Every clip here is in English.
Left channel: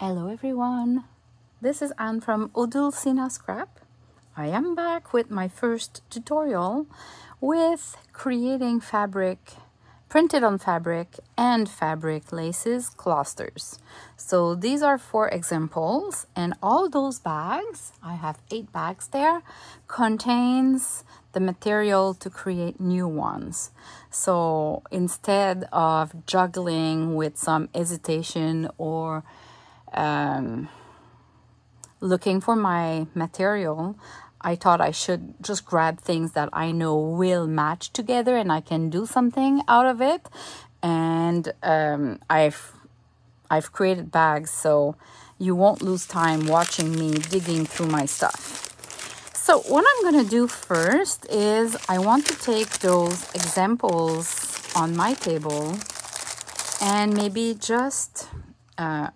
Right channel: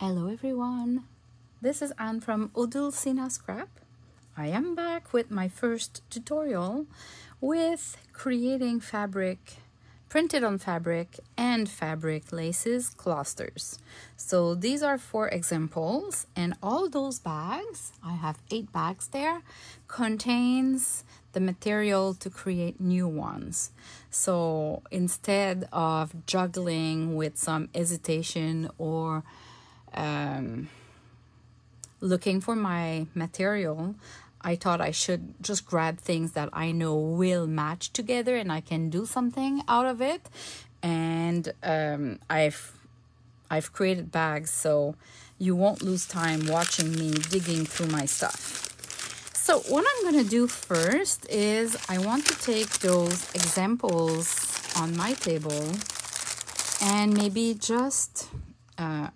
Hello everyone, this is Anne from Odulcina Scrap. I am back with my first tutorial with creating fabric, printed on fabric and fabric laces clusters. So these are 4 examples, and all those bags, I have 8 bags there, contains the material to create new ones. So instead of juggling with some hesitation or looking for my material, I thought I should just grab things that I know will match together and I can do something out of it. And I've created bags, so you won't lose time watching me digging through my stuff. So what I'm going to do first is I want to take those examples on my table and maybe just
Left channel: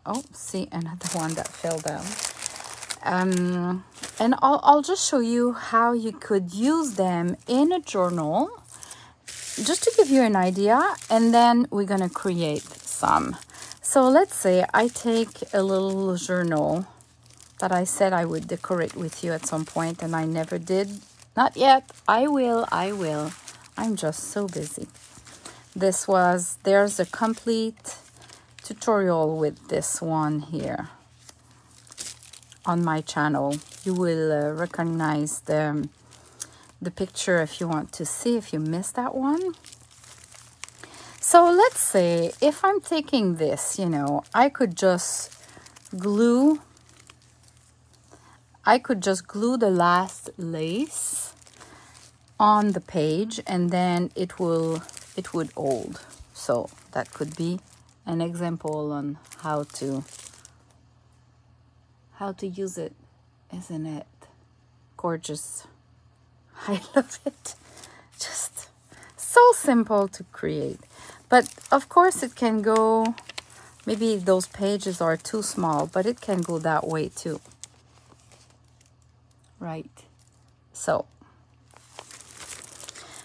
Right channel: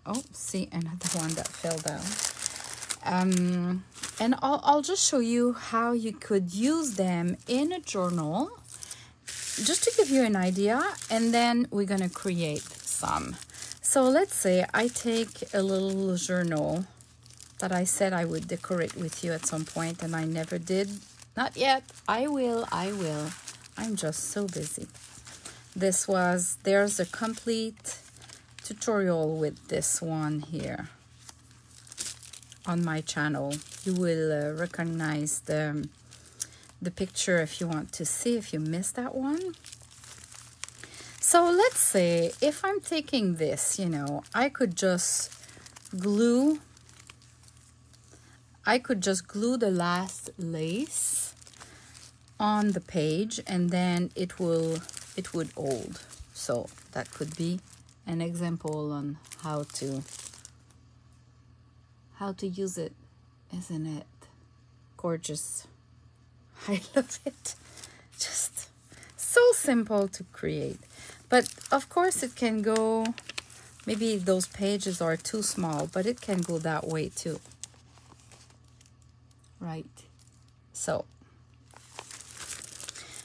oh, see, another one that fell down. And I'll just show you how you could use them in a journal, just to give you an idea, and then we're gonna create some. So let's say I take a little journal that I said I would decorate with you at some point, and I never did. Not yet. I will. I'm just so busy. There's a complete tutorial with this one here on my channel. You will recognize the picture if you want to see, if you missed that one. So let's say if I'm taking this, you know, I could just glue the last lace on the page, and then it would hold. So that could be an example on how to use it. Isn't it gorgeous? I love it. Just so simple to create. But of course it can go, maybe those pages are too small, but it can go that way too, right? So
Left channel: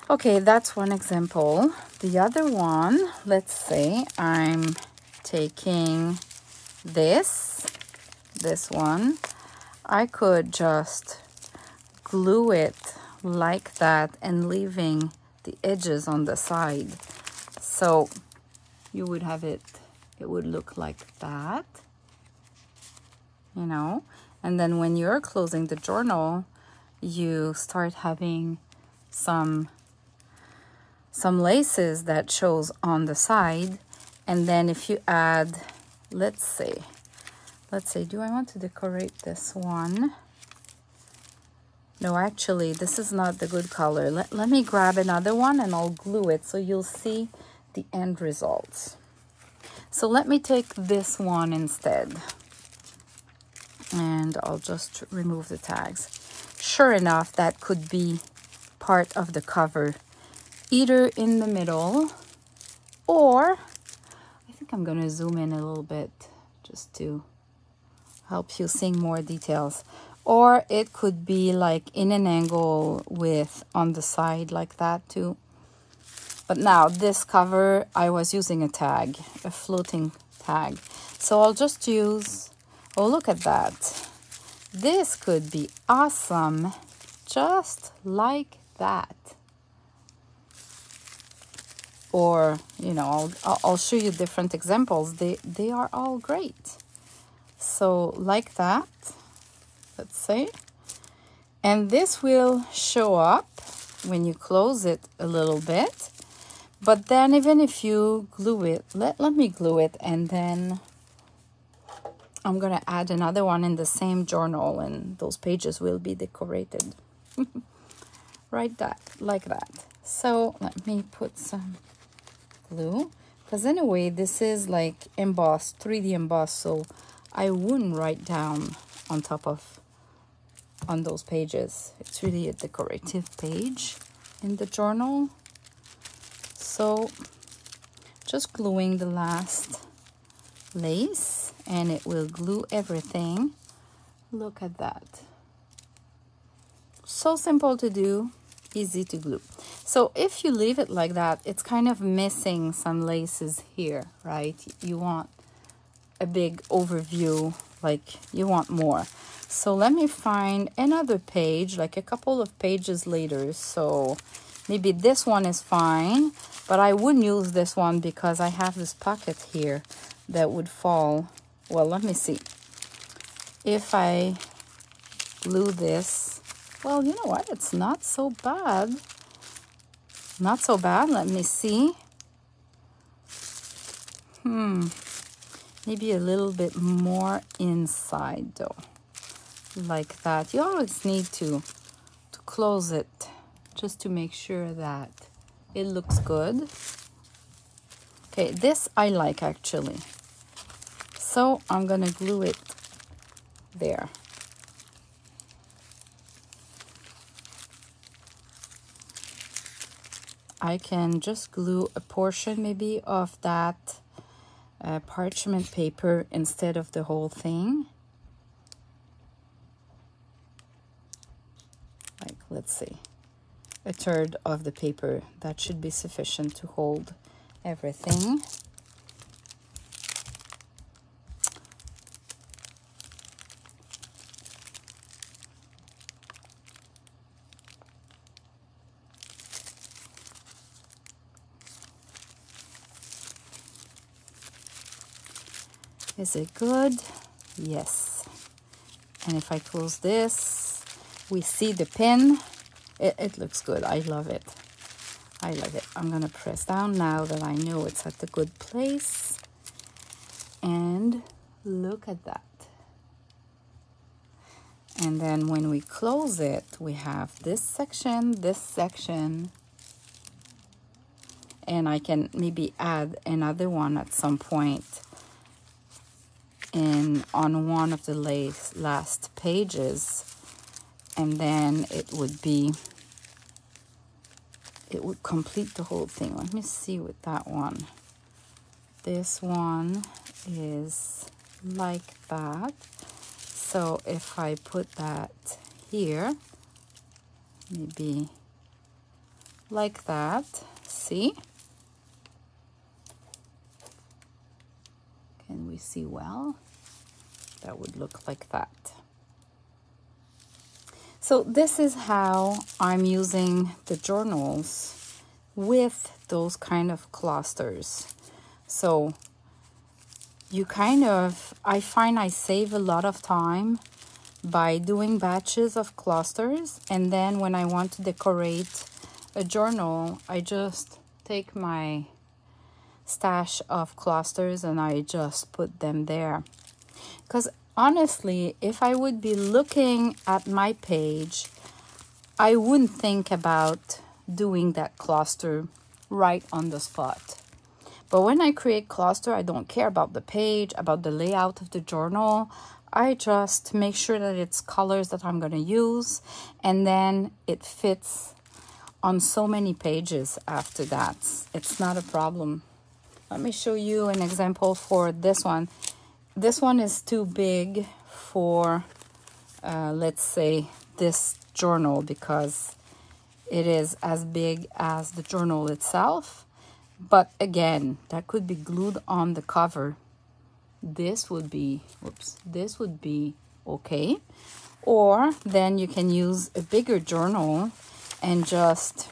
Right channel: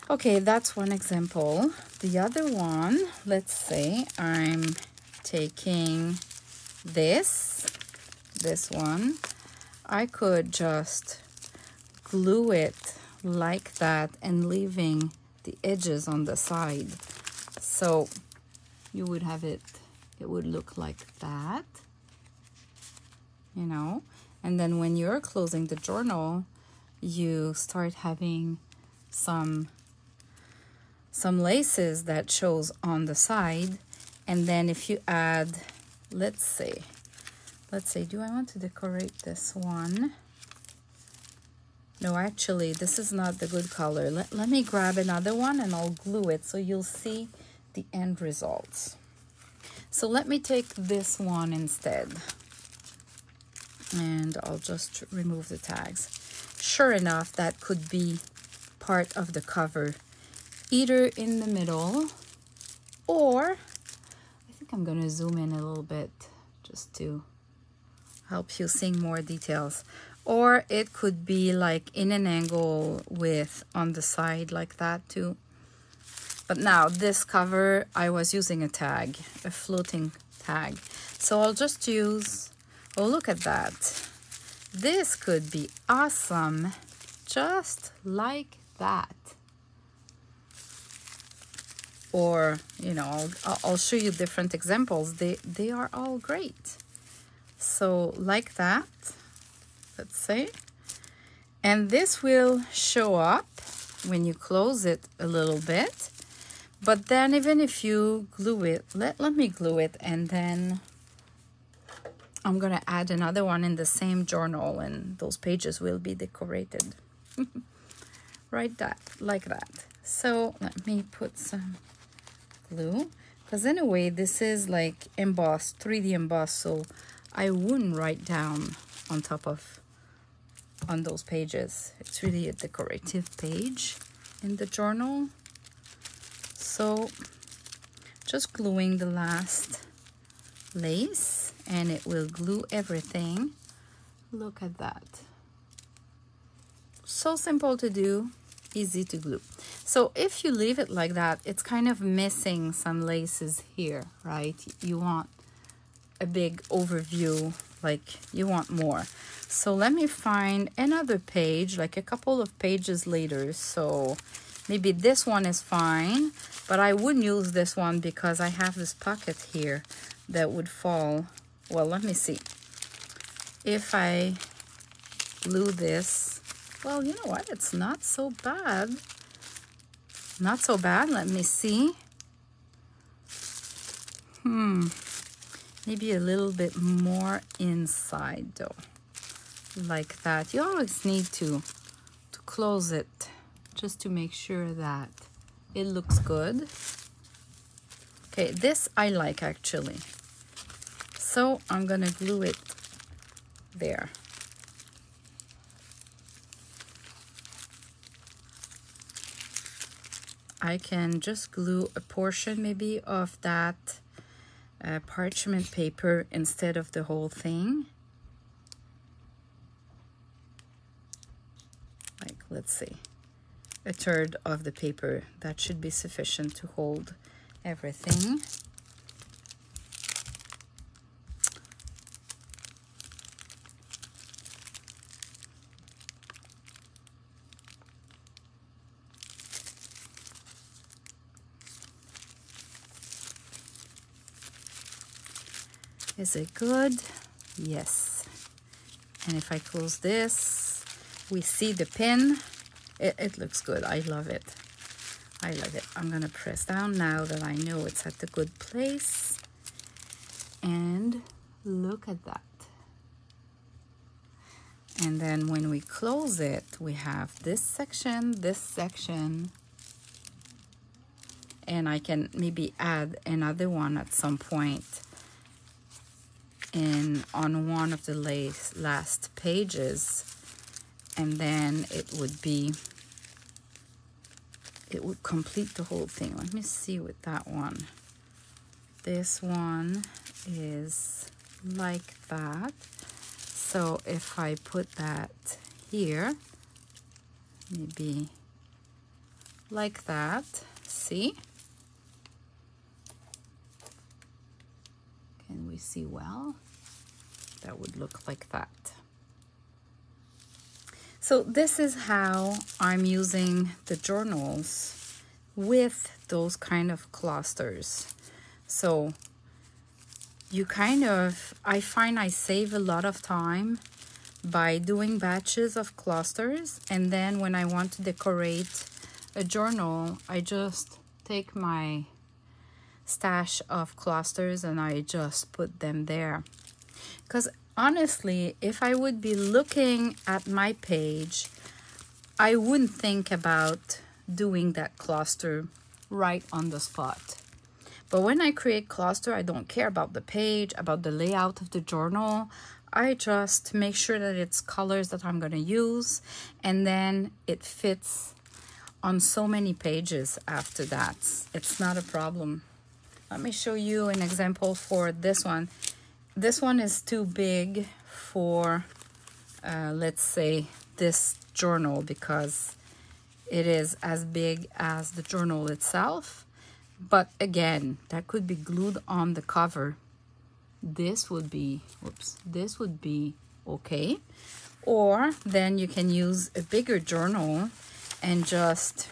okay, that's one example. The other one, let's say I'm taking this one. I could just glue it like that and leaving the edges on the side. So you would have it would look like that, you know. And then when you're closing the journal, you start having some laces that shows on the side. And then if you add, let's say, do I want to decorate this one? No, actually, this is not the good color. Let me grab another one and I'll glue it so you'll see the end results. So let me take this one instead. And I'll just remove the tags. Sure enough, that could be part of the cover, either in the middle, or I think I'm gonna zoom in a little bit just to help you see more details. Or it could be like in an angle with on the side like that too. But now this cover, I was using a tag, a floating tag. So I'll just use, oh, look at that. This could be awesome, just like that. Or, you know, I'll show you different examples. They are all great. So like that, let's say. And this will show up when you close it a little bit. But then even if you glue it, let me glue it, and then I'm gonna add another one in the same journal, and those pages will be decorated. Right, like that. So let me put some glue, because in a way this is like embossed, 3D embossed, so I wouldn't write down on those pages. It's really a decorative page in the journal. So just gluing the last lace, and it will glue everything. Look at that. So simple to do, easy to glue. So if you leave it like that, it's kind of missing some laces here, right? You want a big overview, like you want more. So let me find another page, like a couple of pages later. So maybe this one is fine, but I wouldn't use this one because I have this pocket here that would fall. Well, let me see. If I glue this, well, you know what? It's not so bad. Not so bad. Let me see. Maybe a little bit more inside though. Like that. You always need to close it just to make sure that it looks good. Okay, this I like actually. So I'm gonna glue it there. I can just glue a portion maybe of that parchment paper instead of the whole thing. Like, let's see, a third of the paper. That should be sufficient to hold everything. Is it good? Yes. And if I close this, we see the pin. It looks good. I love it. I love it. I'm gonna press down now that I know it's at the good place. And look at that. And then when we close it, we have this section, and I can maybe add another one at some point on one of the last pages, and then it would complete the whole thing. Let me see with that one. This one is like that. So if I put that here, maybe like that, see? Can we see well? That would look like that. So this is how I'm using the journals with those kind of clusters. So you I find I save a lot of time by doing batches of clusters, and then when I want to decorate a journal, I just take my stash of clusters and I just put them there. Because honestly, if I would be looking at my page, I wouldn't think about doing that cluster right on the spot. But when I create cluster, I don't care about the page, about the layout of the journal. I just make sure that it's colors that I'm going to use, and then it fits on so many pages after that. It's not a problem. Let me show you an example for this one. This one is too big for, let's say, this journal, because it is as big as the journal itself. But again, that could be glued on the cover. This would be, this would be okay. Or then you can use a bigger journal and just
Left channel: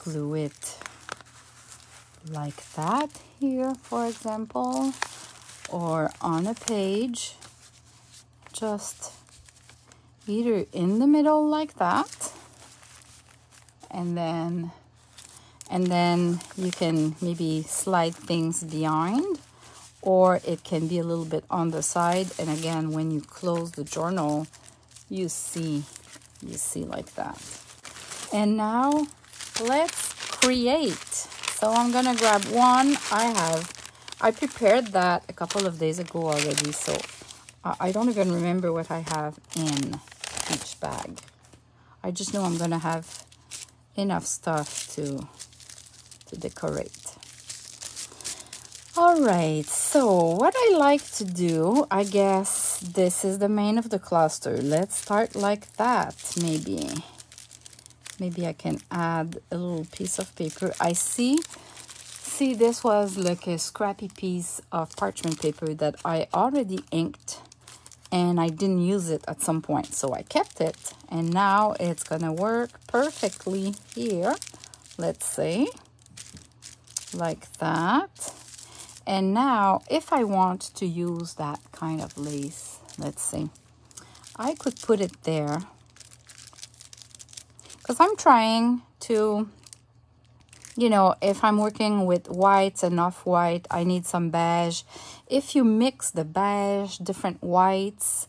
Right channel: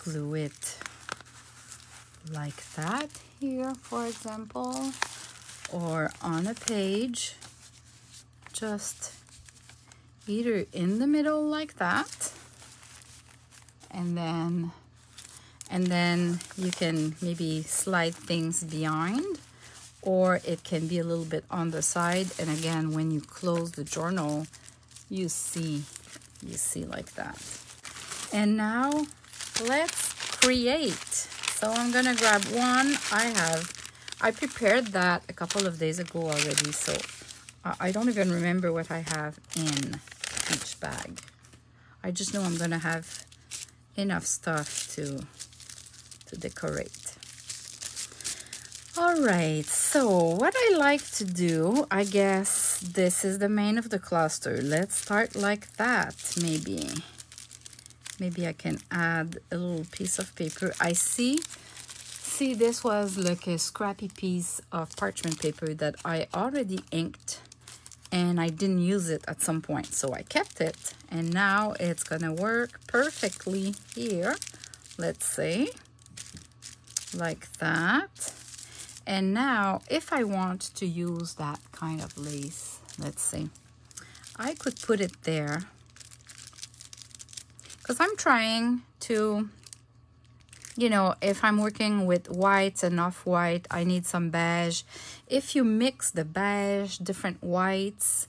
glue it like that here, for example, or on a page, just either in the middle like that, and then you can maybe slide things behind, or it can be a little bit on the side. And again, when you close the journal, you see like that. And now let's create. So I'm gonna grab one. I prepared that a couple of days ago already, so I don't even remember what I have in each bag. I just know I'm gonna have enough stuff to decorate. All right, so what I like to do, I guess this is the main of the cluster. Let's start like that. Maybe I can add a little piece of paper. I see see, this was like a scrappy piece of parchment paper that I already inked, and I didn't use it at some point, so I kept it, and now it's gonna work perfectly here. Let's say like that. And now if I want to use that kind of lace, let's see, I could put it there, because I'm trying to, you know, if I'm working with whites and off-white, I need some beige. If you mix the beige, different whites,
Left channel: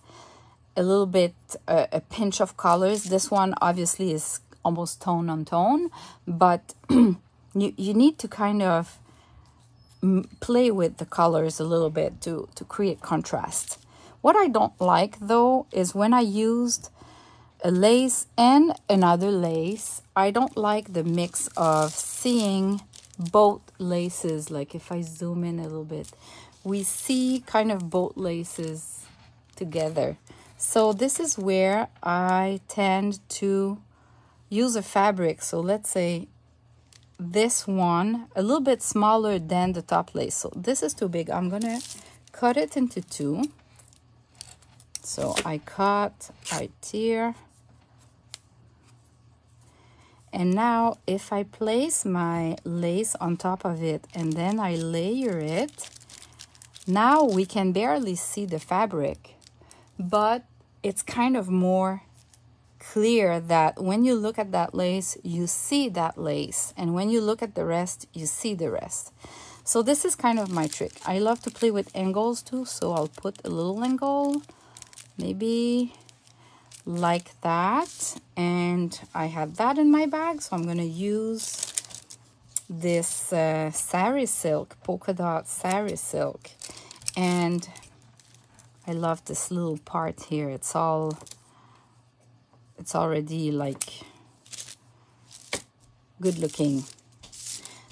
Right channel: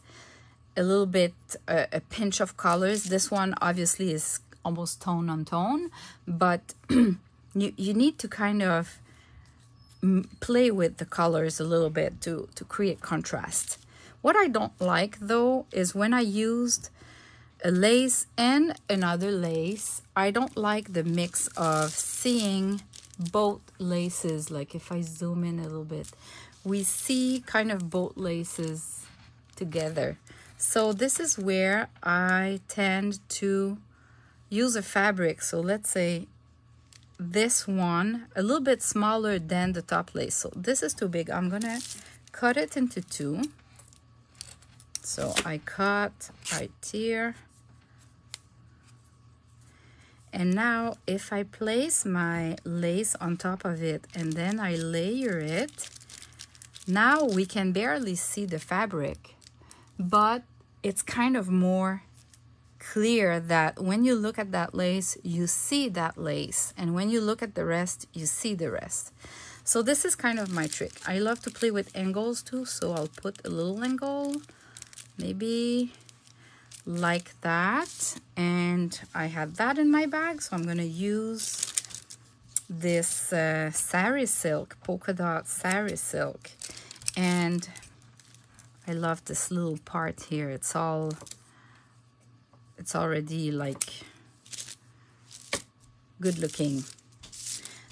a little bit, a pinch of colors, this one obviously is almost tone on tone, but you need to kind of play with the colors a little bit to create contrast. What I don't like though is when I used a lace and another lace, I don't like the mix of seeing both laces. Like if I zoom in a little bit, we see kind of both laces together. So this is where I tend to use a fabric. So let's say this one a little bit smaller than the top lace. So this is too big. I'm gonna cut it into two. So I cut right here. And now if I place my lace on top of it and then I layer it, now we can barely see the fabric, but it's kind of more clear that when you look at that lace, you see that lace, and when you look at the rest, you see the rest. So this is kind of my trick. I love to play with angles too, so I'll put a little angle, maybe like that, and I have that in my bag, so I'm going to use this sari silk, polka dot sari silk, and I love this little part here. It's already like good looking.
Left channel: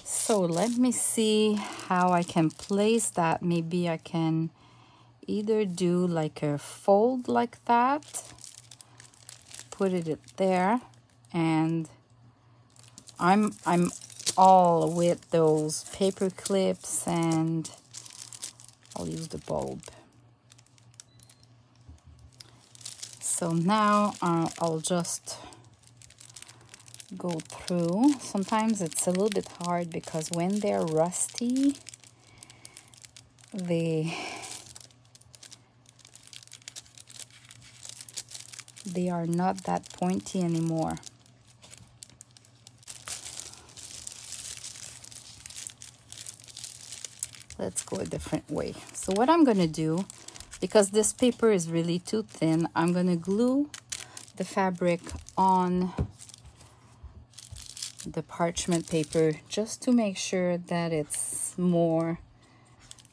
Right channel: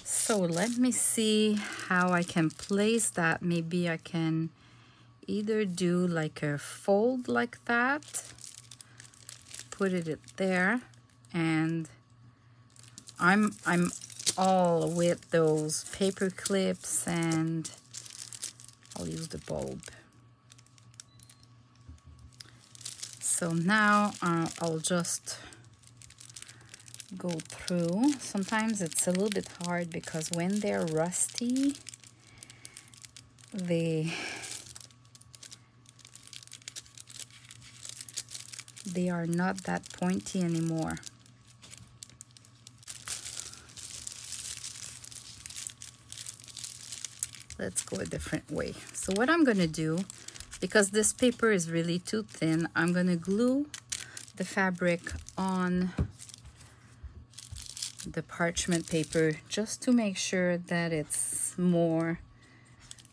So let me see how I can place that. Maybe I can either do like a fold like that, put it there, and I'm all with those paper clips, and I'll use the bulb. So now I'll just go through. Sometimes it's a little bit hard because when they're rusty, they are not that pointy anymore. Let's go a different way. So what I'm gonna do, because this paper is really too thin, I'm gonna glue the fabric on the parchment paper just to make sure that it's more,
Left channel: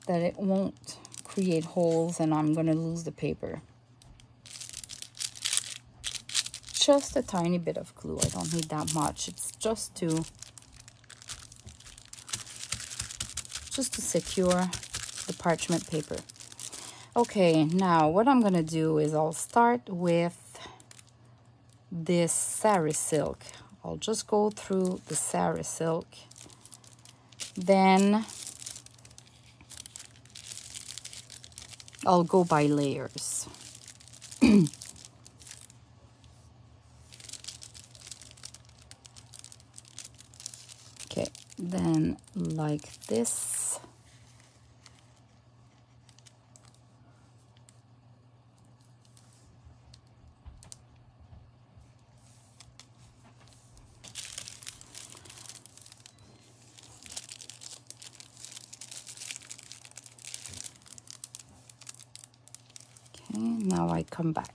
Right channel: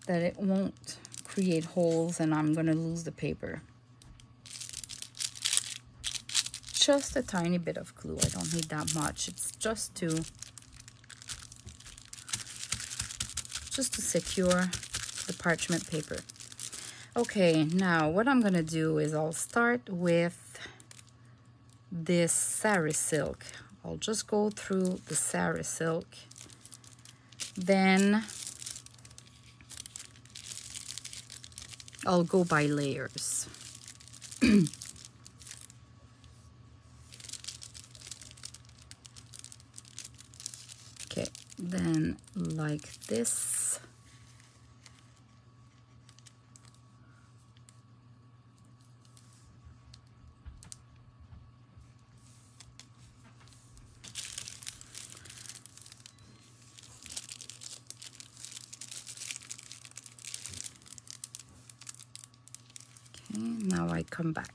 that it won't create holes and I'm gonna lose the paper. Just a tiny bit of glue. I don't need that much. It's just to secure the parchment paper. Okay, now what I'm gonna do is I'll start with this sari silk. I'll just go through the sari silk. Then I'll go by layers. Okay, then like this. Now I come back.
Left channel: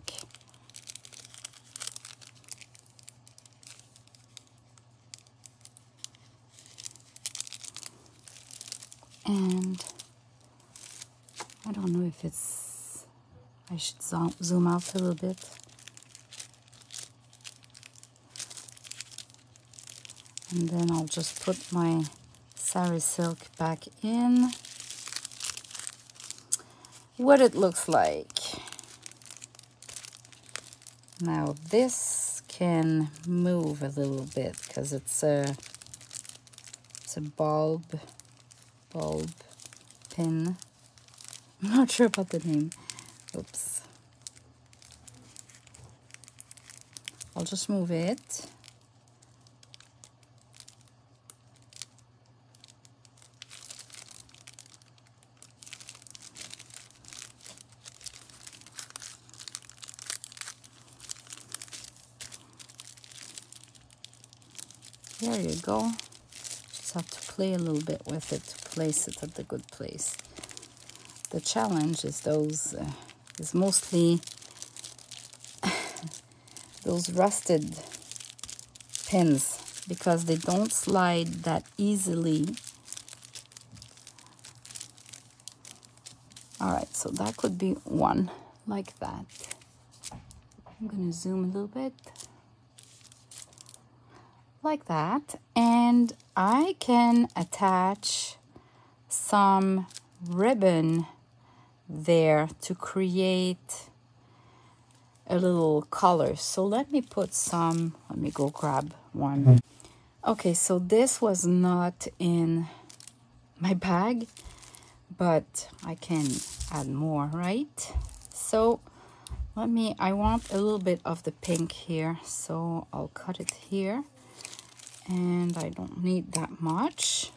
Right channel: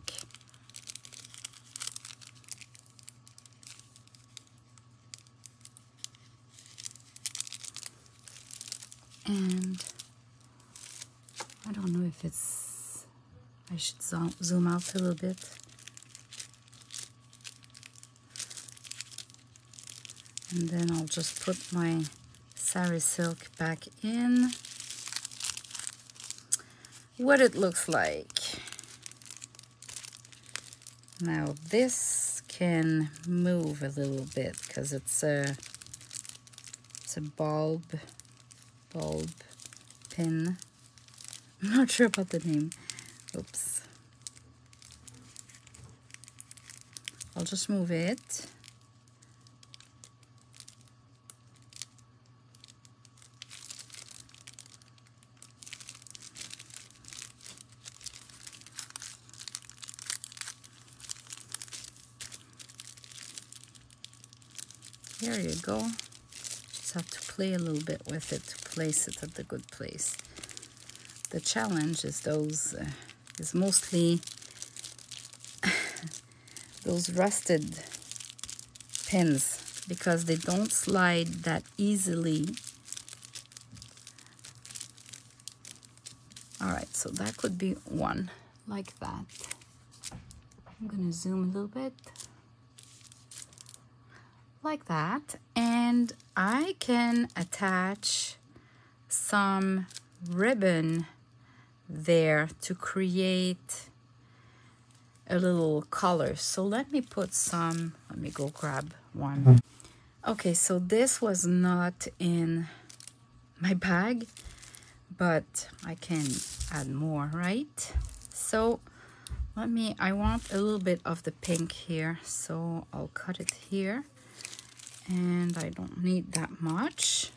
And I don't know if it's, I should zoom out a little bit. And then I'll just put my sari silk back in. What it looks like. Now this can move a little bit because it's a bulb bulb pin. I'm not sure about the name. Oops. I'll just move it. There you go. Just have to play a little bit with it to place it at the good place. The challenge is is mostly those rusted pins, because they don't slide that easily. All right, so that could be one like that. I'm gonna zoom a little bit. Like that, and I can attach some ribbon there to create a little color. So let me put some, let me go grab one. Okay, so this was not in my bag, but I can add more, right? So I want a little bit of the pink here, so I'll cut it here. And I don't need that much.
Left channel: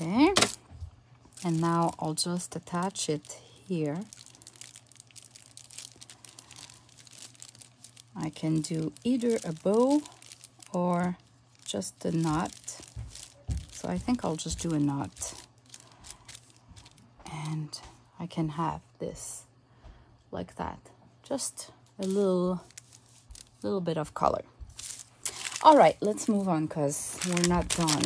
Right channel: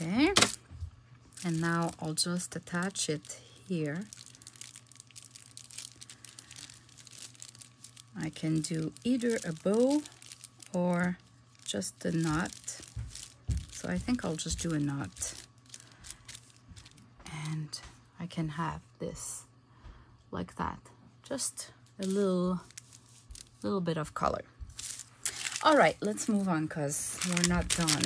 Okay. And now I'll just attach it here. I can do either a bow or just a knot. So I think I'll just do a knot. And I can have this like that. Just a little bit of color. All right, let's move on because we're not done.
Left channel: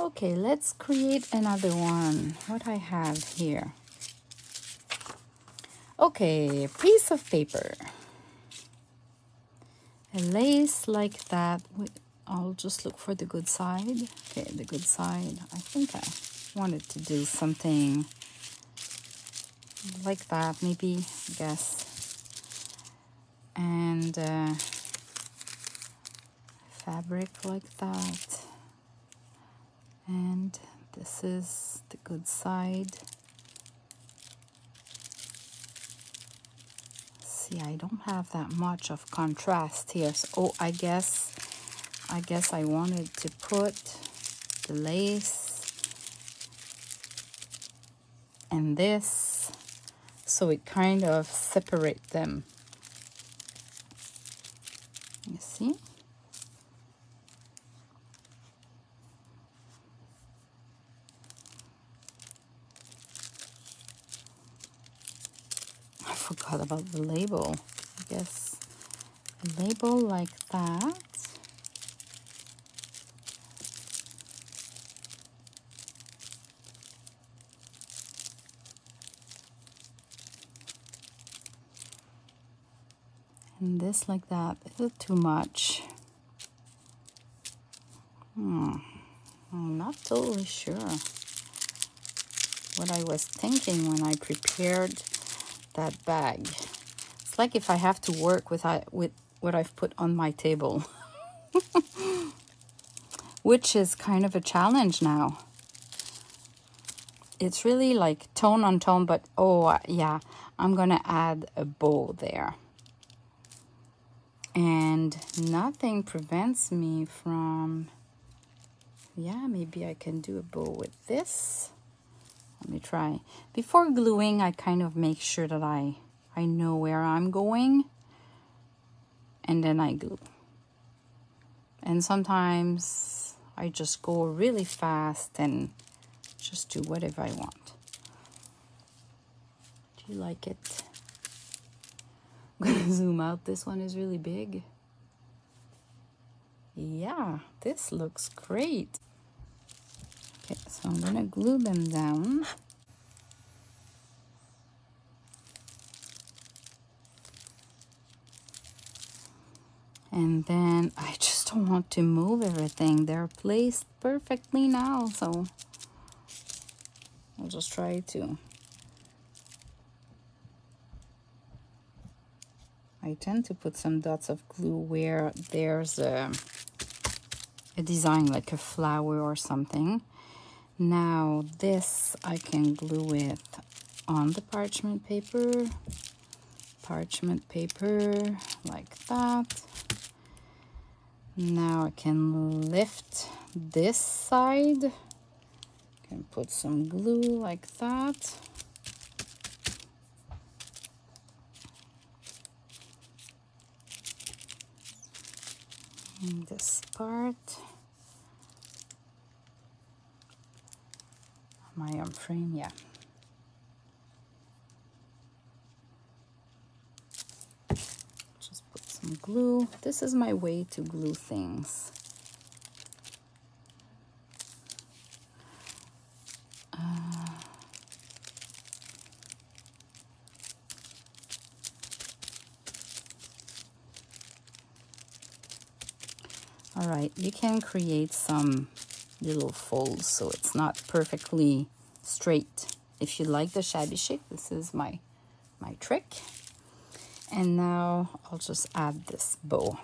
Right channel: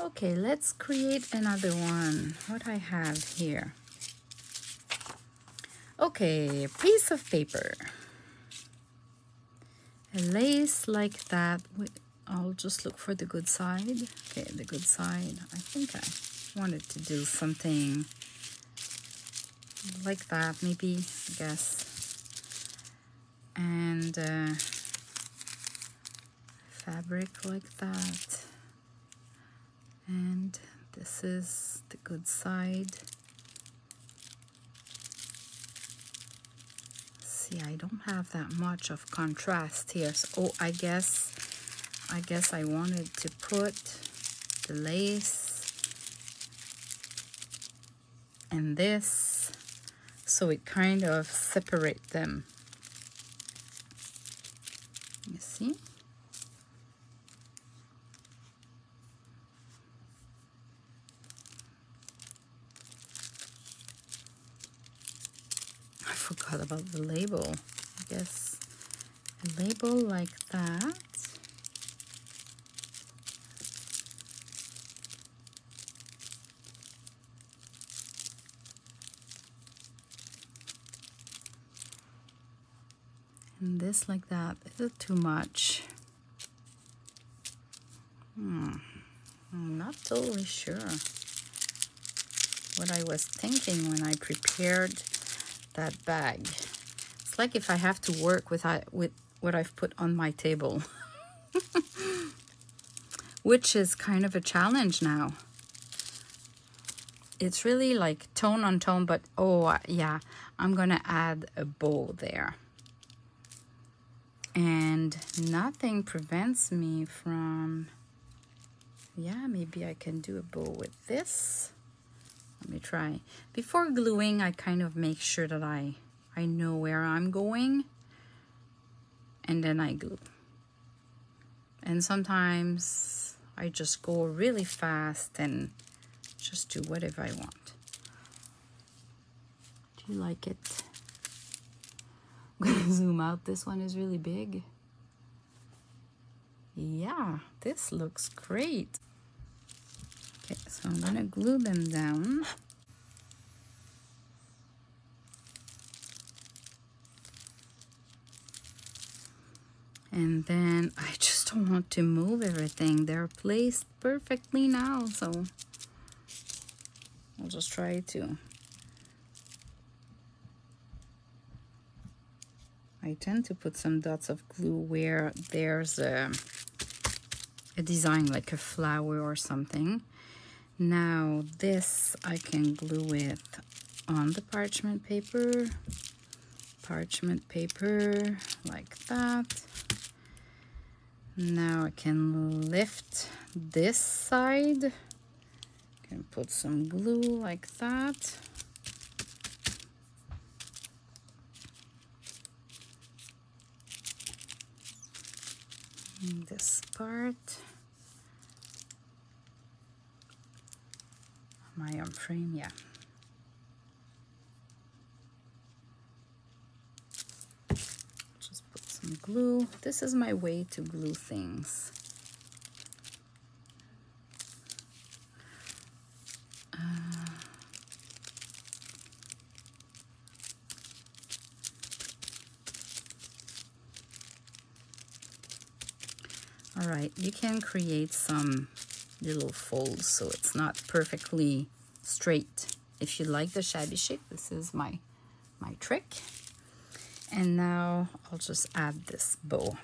Okay, let's create another one. What I have here. Okay, a piece of paper. A lace like that. I'll just look for the good side. Okay, the good side. I think I wanted to do something like that, maybe, I guess. And fabric like that, and this is the good side. See, I don't have that much of contrast here. So, oh, I guess I wanted to put the lace and this, so it kind of separate them. You see? I forgot about the label. I guess a label like that. And this like that. Is it too much? I'm not totally sure what I was thinking when I prepared that bag. It's like if I have to work with what I've put on my table, which is kind of a challenge now. It's really like tone on tone, but oh yeah, I'm gonna add a bow there. And nothing prevents me from, yeah, maybe I can do a bow with this. Let me try. Before gluing, I kind of make sure that I know where I'm going, and then I glue. And sometimes I just go really fast and just do whatever I want. Do you like it? I'm gonna zoom out. This one is really big. Yeah, this looks great. Okay, so I'm gonna glue them down. And then I just don't want to move everything. They're placed perfectly now, so I'll just try to. I tend to put some dots of glue where there's a a design like a flower or something. Now this I can glue it on the parchment paper like that. Now I can lift this side, can put some glue like that. And this part, my frame, yeah. Just put some glue. This is my way to glue things. All right, you can create some little folds so it's not perfectly straight. If you like the shabby chic, this is my trick. And now I'll just add this bow.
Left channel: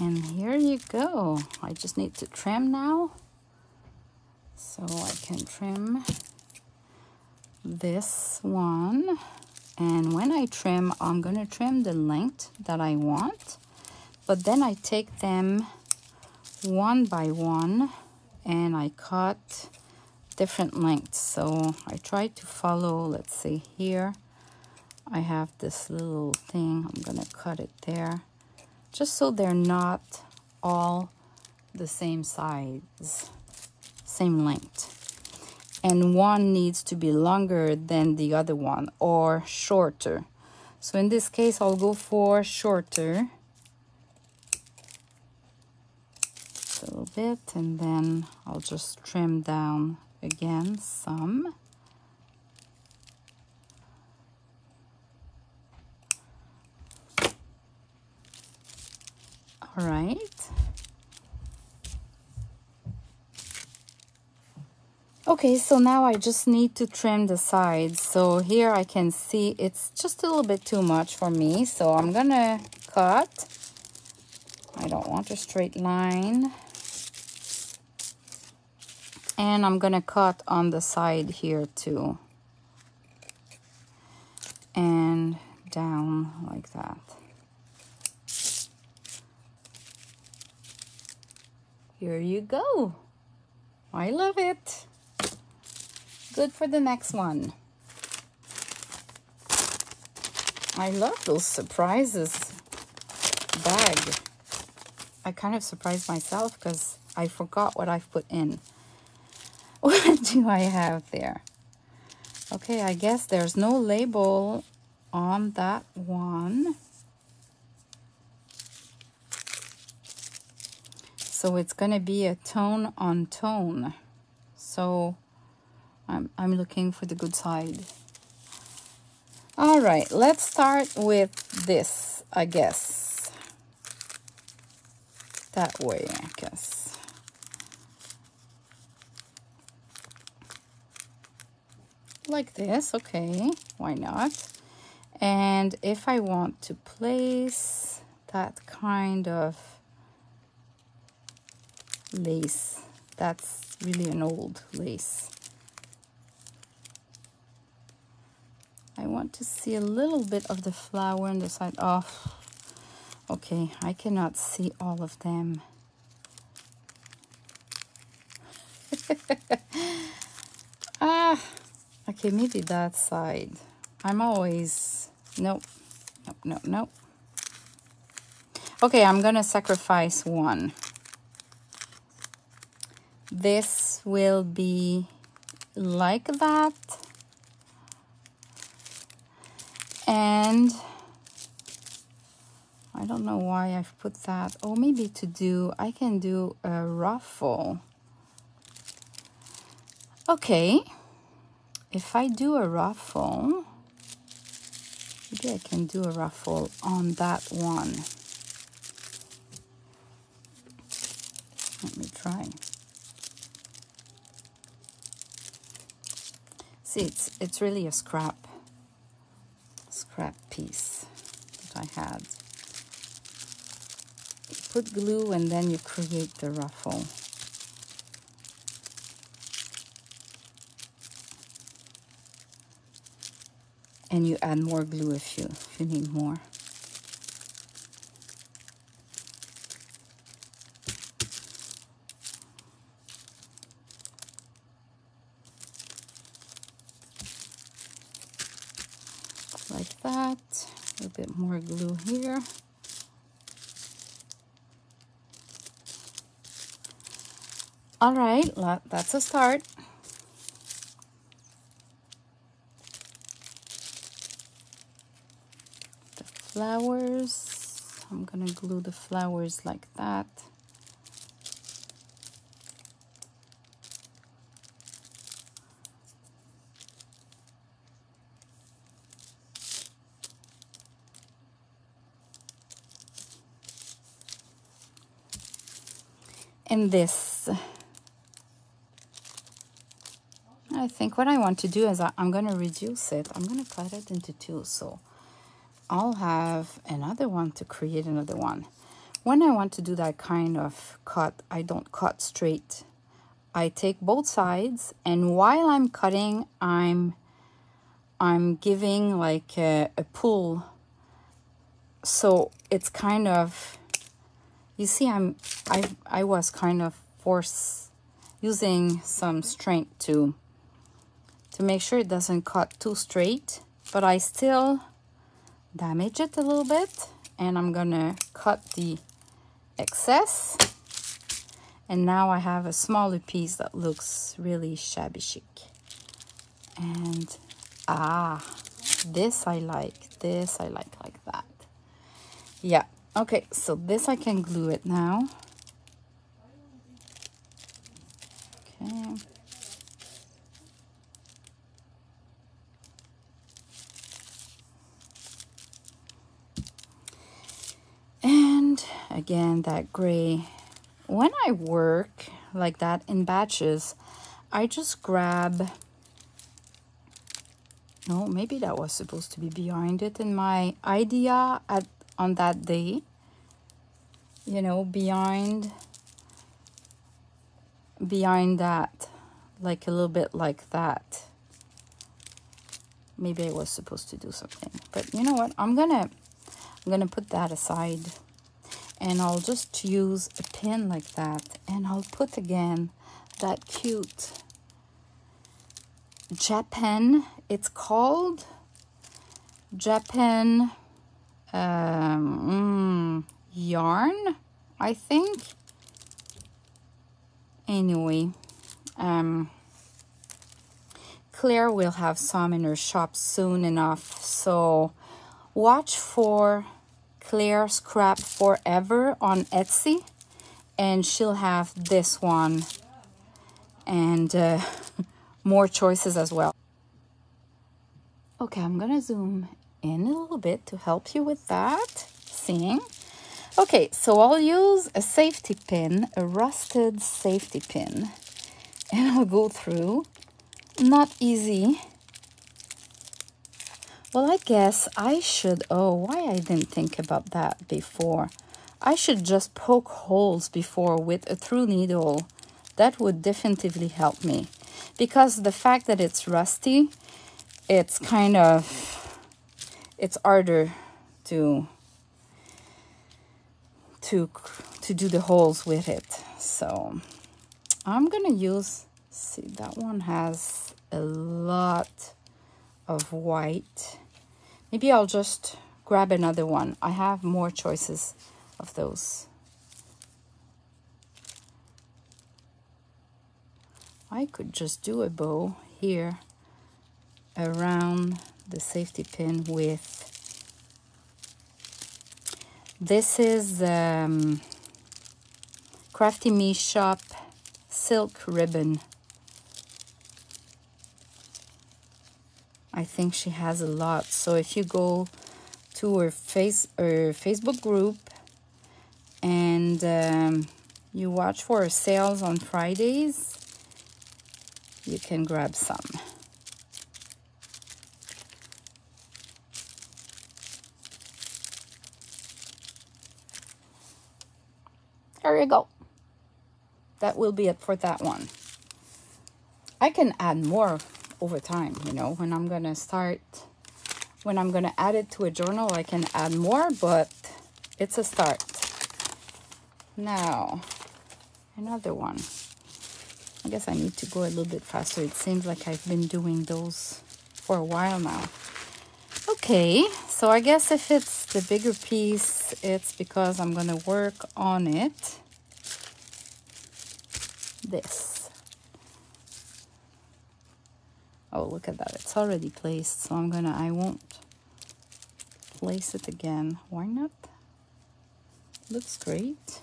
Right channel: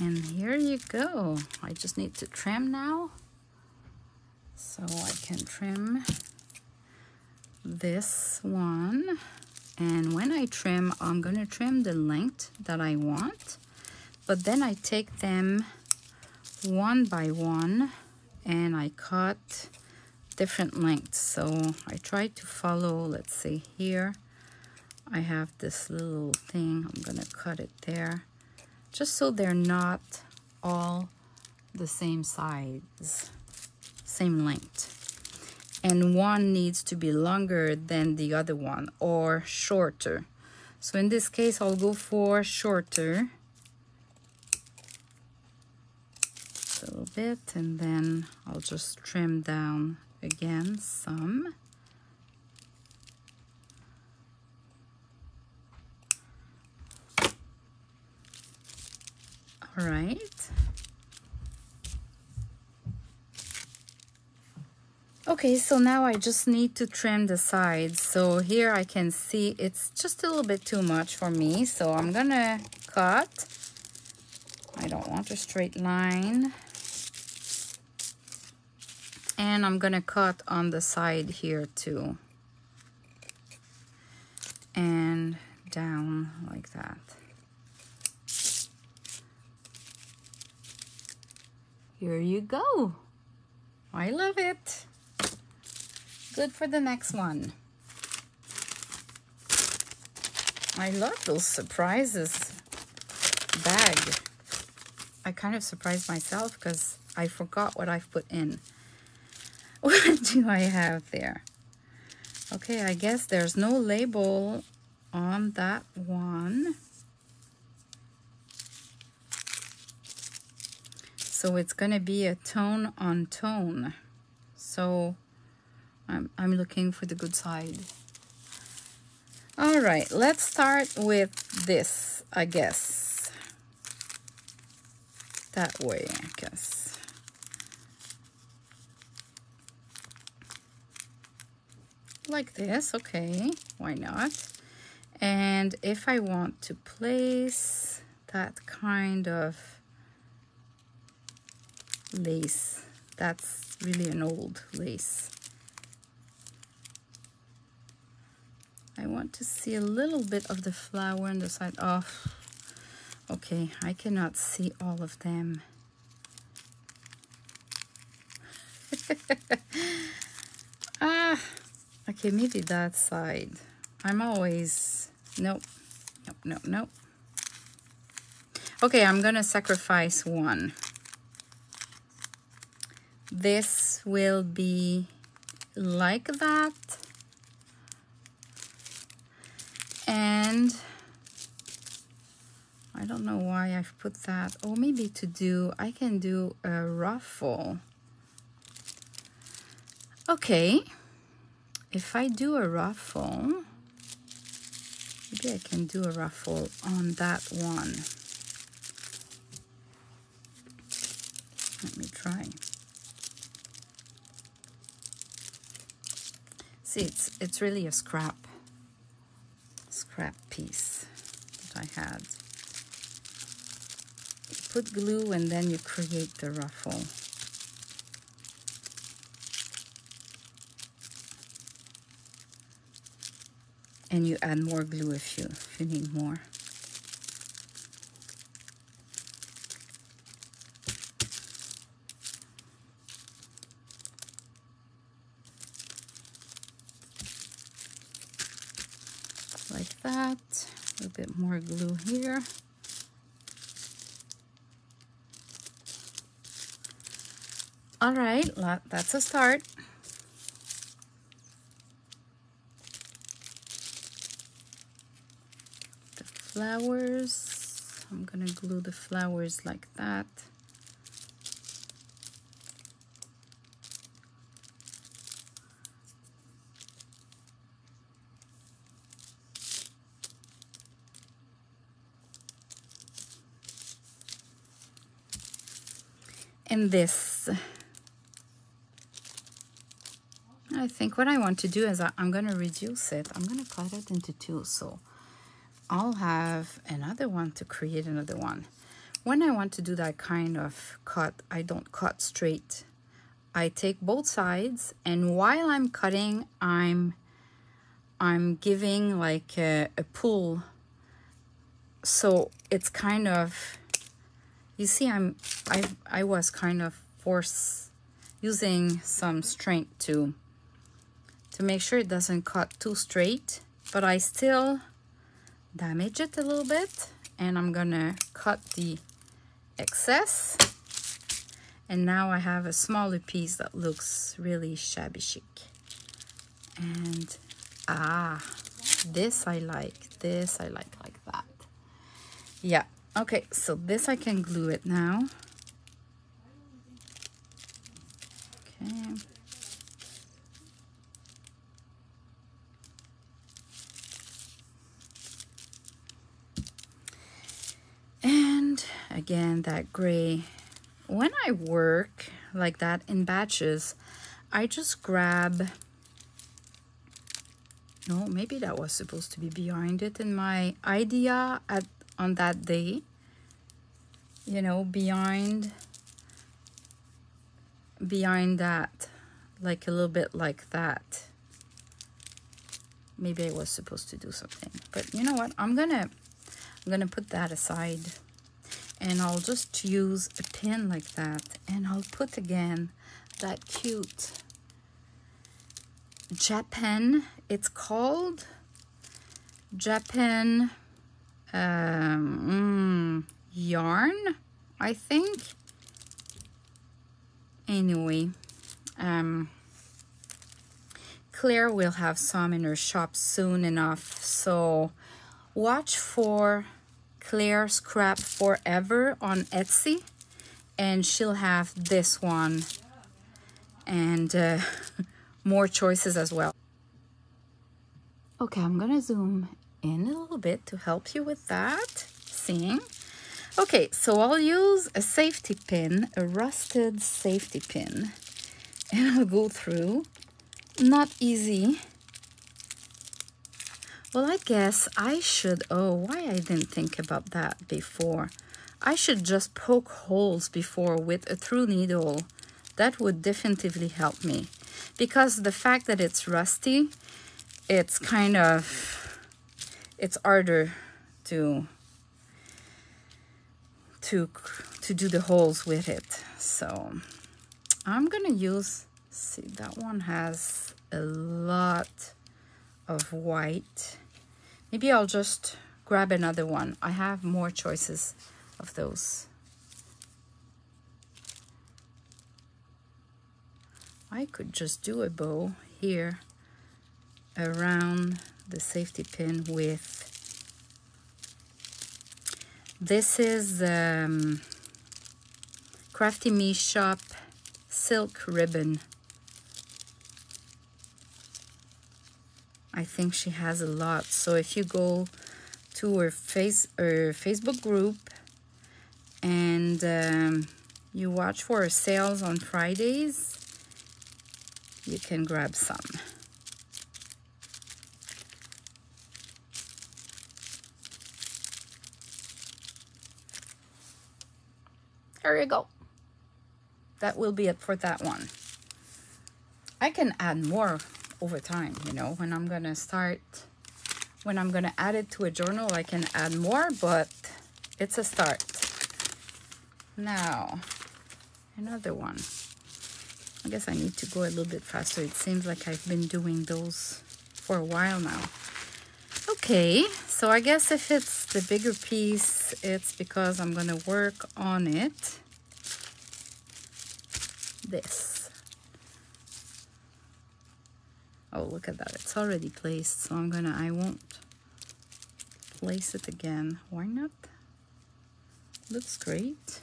And here you go. I just need to trim now. So I can trim this one. And when I trim, I'm going to trim the length that I want. But then I take them one by one and I cut different lengths. So I try to follow, let's see here. I have this little thing. I'm going to cut it there. Just so they're not all the same size, same length. And one needs to be longer than the other one or shorter. So in this case, I'll go for shorter. A little bit, and then I'll just trim down again some. All right. Okay, so now I just need to trim the sides. So here I can see it's just a little bit too much for me. So I'm gonna cut. I don't want a straight line. And I'm gonna cut on the side here too. And down like that. Here you go. I love it. Good for the next one. I love those surprises bag. I kind of surprised myself because I forgot what I've put in. What do I have there? Okay, I guess there's no label on that one. So it's gonna be a tone on tone. So I'm looking for the good side. All right, let's start with this, I guess. That way, I guess. Like this, okay, why not? And if I want to place that kind of lace, that's really an old lace. I want to see a little bit of the flower on the side. Oh, okay, I cannot see all of them. Okay, maybe that side. I'm always, nope. Okay, I'm gonna sacrifice one. This will be like that. And I don't know why I've put that. Oh, maybe I can do a ruffle. Okay, if I do a ruffle, maybe I can do a ruffle on that one. Let me try. See, it's really a scrap piece that I had. You put glue and then you create the ruffle. And you add more glue if you need more. Like that. A little bit more glue here. All right, that's a start. The flowers, I'm gonna glue the flowers like that. And this, I think what I want to do is I'm going to reduce it. I'm going to cut it into two. So I'll have another one to create another one. When I want to do that kind of cut, I don't cut straight. I take both sides, and while I'm cutting, I'm giving like a pull. So it's kind of, you see, I was kind of using some strength to make sure it doesn't cut too straight, but I still damage it a little bit, and I'm gonna cut the excess, and now I have a smaller piece that looks really shabby chic. And this I like like that. Yeah. Okay, so this I can glue it now. Okay. And again, that gray. When I work like that in batches, I just grab, no, maybe that was supposed to be behind it in my idea on that day, you know, behind that, like a little bit like that. Maybe I was supposed to do something, but you know what, I'm gonna put that aside, and I'll just use a pin like that, and I'll put again that cute Japan, it's called Japan yarn, I think. Anyway, Claire will have some in her shop soon enough, so watch for Claire Scrap Forever on Etsy, and she'll have this one and more choices as well. Okay, I'm gonna zoom in a little bit to help you with that seeing. Okay, so I'll use a safety pin, a rusted safety pin, and I'll go through. Not easy. Well, I guess I should, oh, why I didn't think about that before. I should just poke holes before with a through needle. That would definitively help me, because the fact that it's rusty, it's kind of, it's harder to do the holes with it. So I'm gonna use, see, that one has a lot of white. Maybe I'll just grab another one. I have more choices of those. I could just do a bow here around the safety pin with, this is Crafty Me Shop silk ribbon. I think she has a lot. So if you go to her Facebook group and you watch for sales on Fridays, you can grab some. There you go. That will be it for that one. I can add more over time, you know, when I'm gonna add it to a journal, I can add more, but it's a start. Now, another one. I guess I need to go a little bit faster. It seems like I've been doing those for a while now. Okay, so I guess if it's the bigger piece, it's because I'm gonna work on it. This. Oh, look at that. It's already placed, so I won't place it again. Why not? Looks great.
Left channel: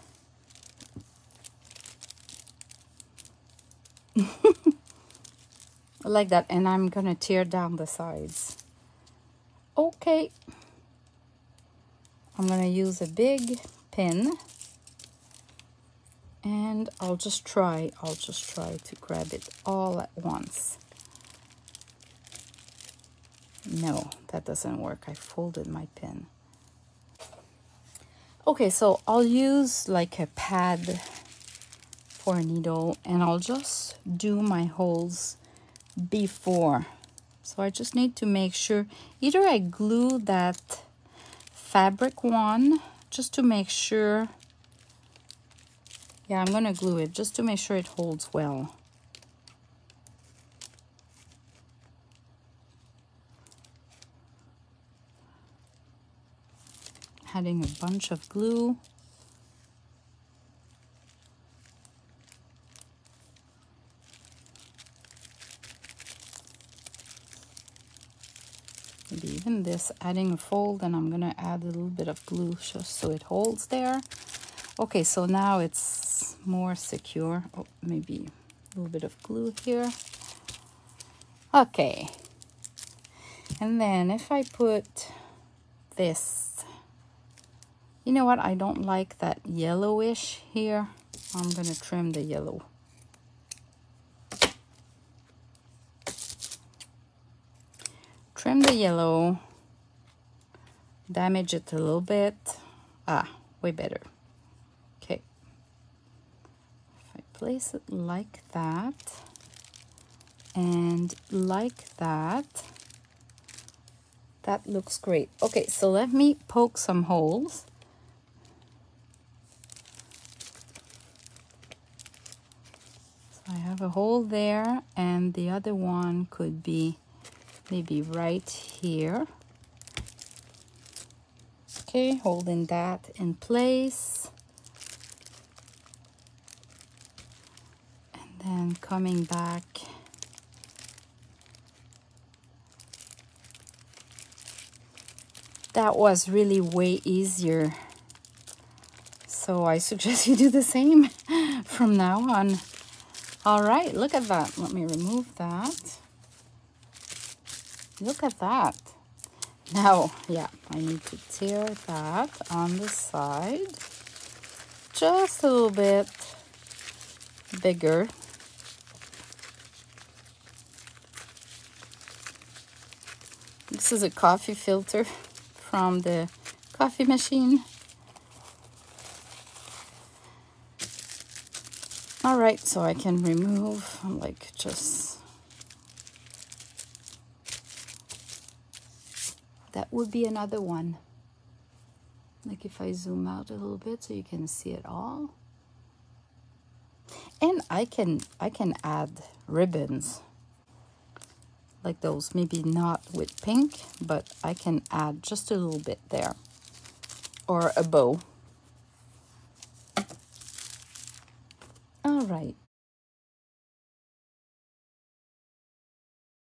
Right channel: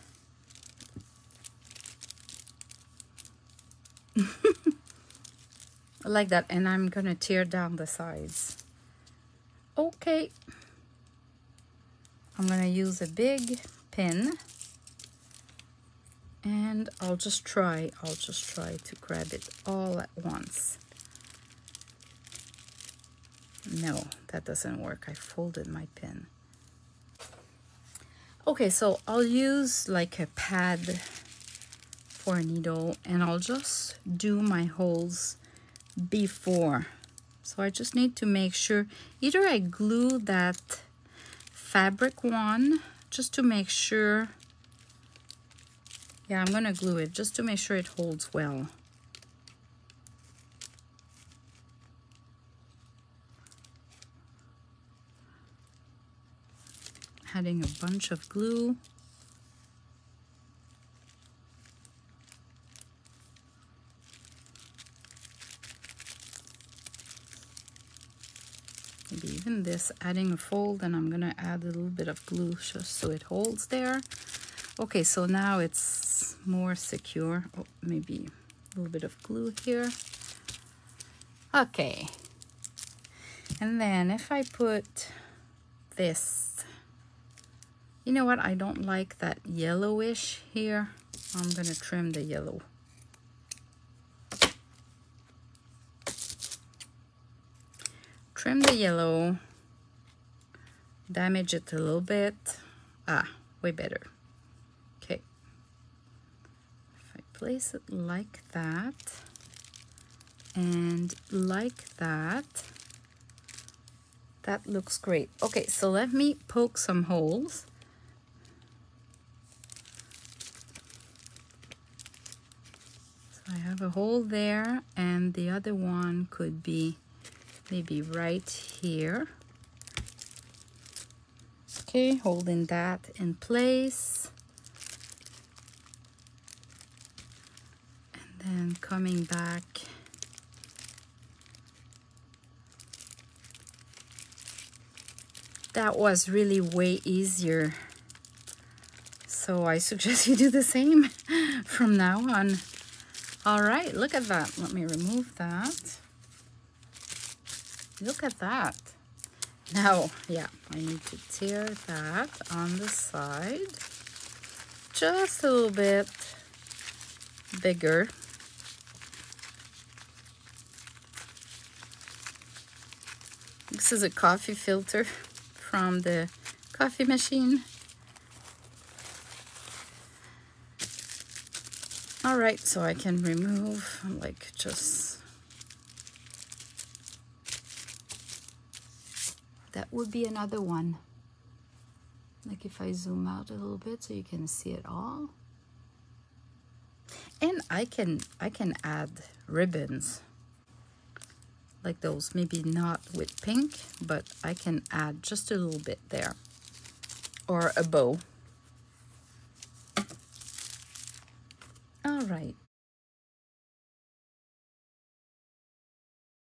I like that, and I'm gonna tear down the sides. Okay. I'm gonna use a big pin, and I'll just try to grab it all at once. No, that doesn't work. I folded my pin. Okay, so I'll use like a pad for a needle, and I'll just do my holes before. So I just need to make sure either I glue that fabric one just to make sure. Yeah, I'm gonna glue it just to make sure it holds well. Adding a bunch of glue. Maybe even this, adding a fold, and I'm gonna add a little bit of glue just so it holds there. Okay, so now it's more secure. Oh, maybe a little bit of glue here. Okay. And then if I put this, you know what? I don't like that yellowish here. I'm gonna trim the yellow. Trim the yellow, damage it a little bit. Ah, way better. Okay. If I place it like that and like that, that looks great. Okay, so let me poke some holes. So I have a hole there, and the other one could be maybe right here. Okay, holding that in place. And then coming back. That was really way easier. So I suggest you do the same from now on. All right, look at that. Let me remove that. Look at that. Now, yeah, I need to tear that on the side. Just a little bit bigger. This is a coffee filter from the coffee machine. All right, so I can remove, like, just that would be another one. Like if I zoom out a little bit so you can see it all. And I can add ribbons like those, maybe not with pink, but I can add just a little bit there, or a bow.